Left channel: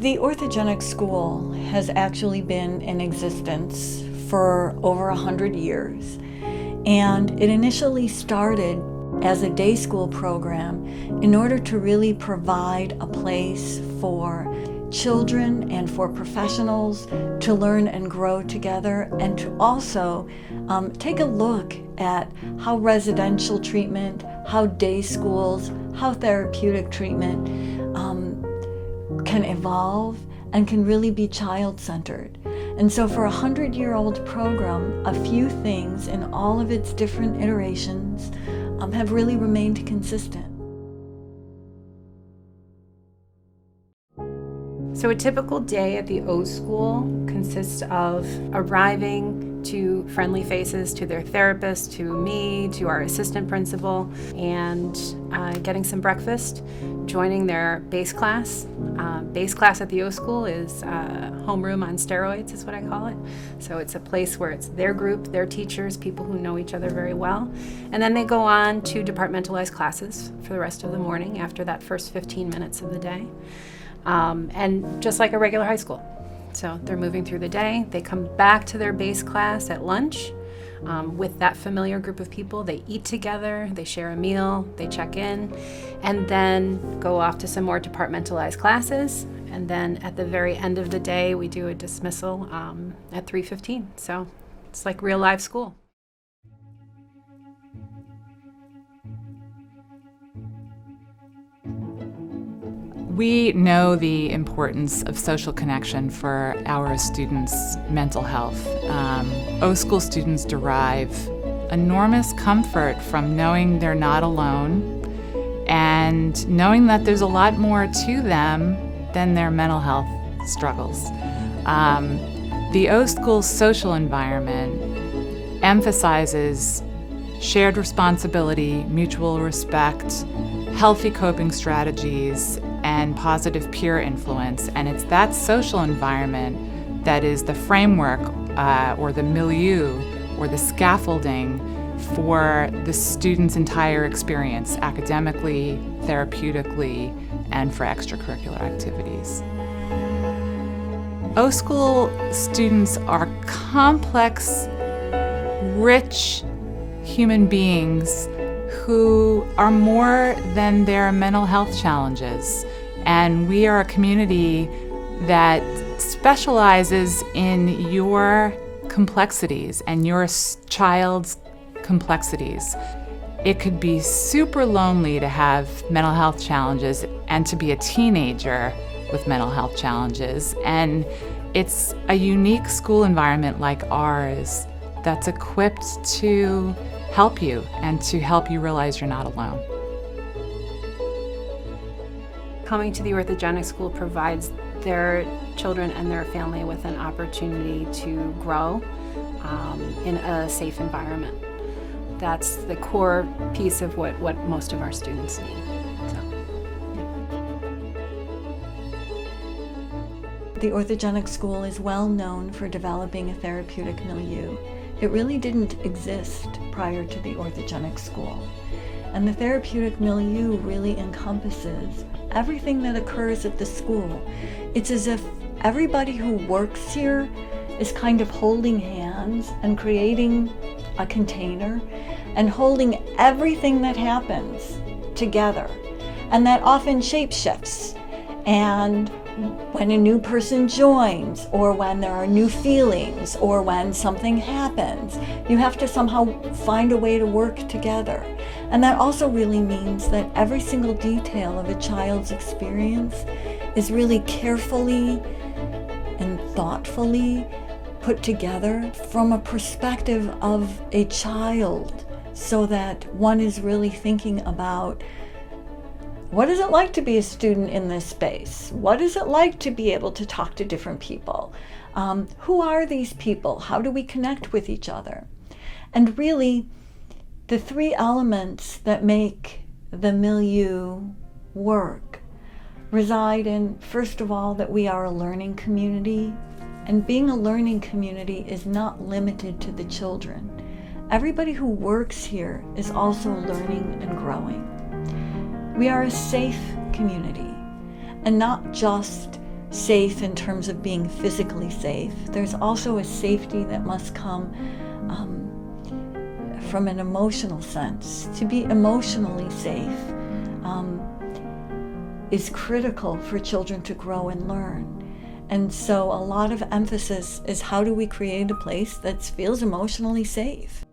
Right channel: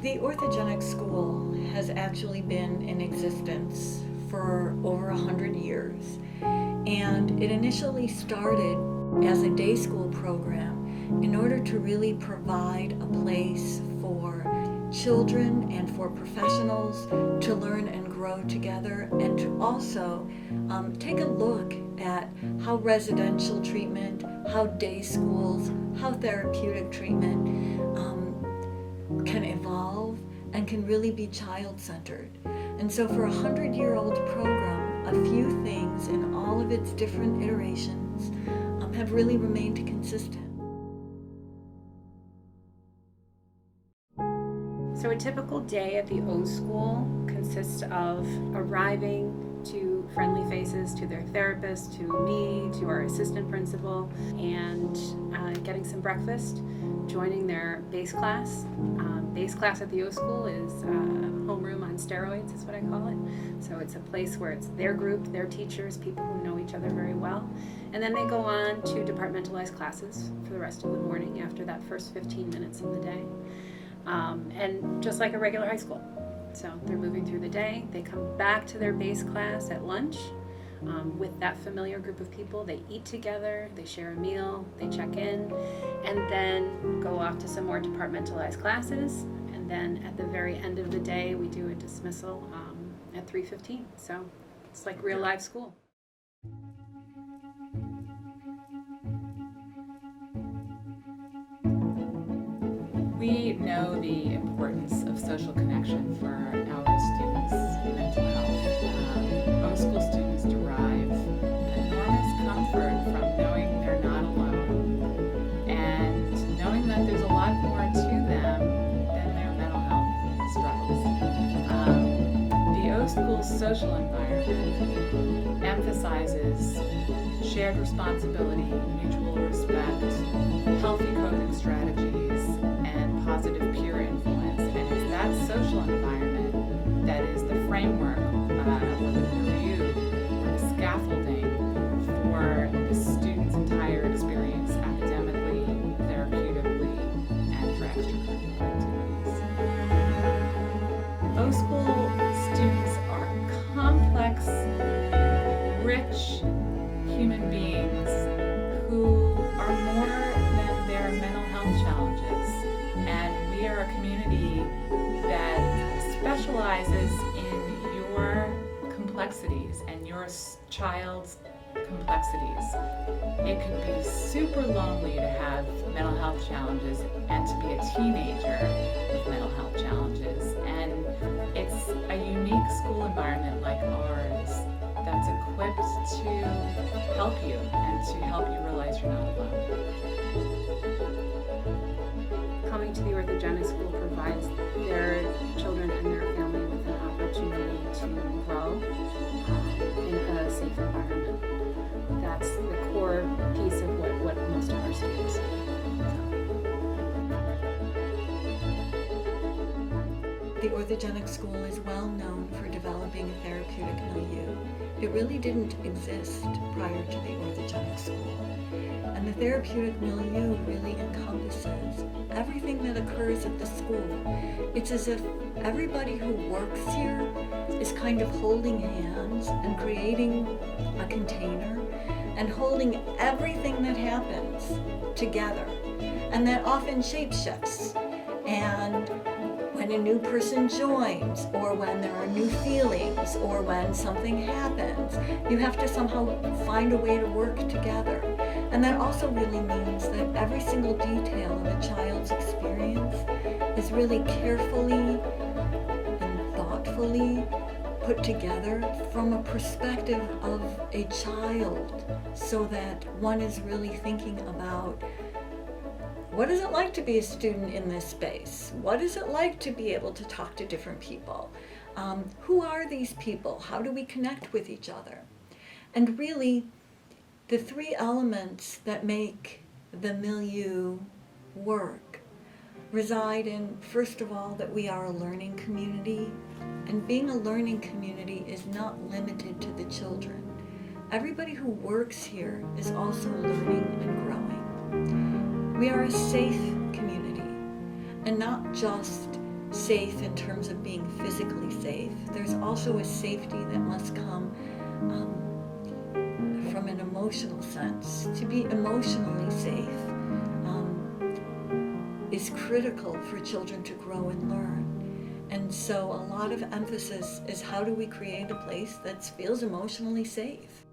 The Orthogenic School has actually been in existence for over 100 years, and it initially started as a day school program in order to really provide a place for children and for professionals to learn and grow together, and to also take a look at how residential treatment, how day schools, how therapeutic treatment can evolve and can really be child-centered. And so for a 100-year-old program, a few things in all of its different iterations have really remained consistent. So a typical day at the O School consists of arriving to friendly faces, to their therapist, to me, to our assistant principal, and getting some breakfast, joining their base class. Base class at the O School is homeroom on steroids, is what I call it. So it's a place where it's their group, their teachers, people who know each other very well. And then they go on to departmentalized classes for the rest of the morning after that first 15 minutes of the day. And just like a regular high school. So they're moving through the day. They come back to their base class at lunch with that familiar group of people. They eat together, they share a meal, they check in, and then go off to some more departmentalized classes. And then at the very end of the day, we do a dismissal at 3:15. So it's like real live school. We know the importance of social connection for our students' mental health. O-School students derive enormous comfort from knowing they're not alone and knowing that there's a lot more to them than their mental health struggles. The O-School social environment emphasizes shared responsibility, mutual respect, healthy coping strategies, and positive peer influence. And it's that social environment that is the framework or the milieu or the scaffolding for the student's entire experience, academically, therapeutically, and for extracurricular activities. O-School students are complex, rich human beings who are more than their mental health challenges. And we are a community that specializes in your complexities and your child's complexities. It could be super lonely to have mental health challenges and to be a teenager with mental health challenges. And it's a unique school environment like ours that's equipped to help you and to help you realize you're not alone. Coming to the Orthogenic School provides their children and their family with an opportunity to grow in a safe environment. That's the core piece of what most of our students need. The Orthogenic School is well known for developing a therapeutic milieu. It really didn't exist prior to the Orthogenic School. And the therapeutic milieu really encompasses everything that occurs at the school. It's as if everybody who works here is kind of holding hands and creating a container and holding everything that happens together. And that often shapeshifts. And when a new person joins, or when there are new feelings, or when something happens, you have to somehow find a way to work together. And that also really means that every single detail of a child's experience is really carefully and thoughtfully put together from a perspective of a child, so that one is really thinking about, what is it like to be a student in this space? What is it like to be able to talk to different people? Who are these people? How do we connect with each other? And really, the three elements that make the milieu work reside in, first of all, that we are a learning community. And being a learning community is not limited to the children. Everybody who works here is also learning and growing. We are a safe community, and not just safe in terms of being physically safe. There's also a safety that must come from an emotional sense. To be emotionally safe is critical for children to grow and learn. And so a lot of emphasis is how do we create a place that feels emotionally safe?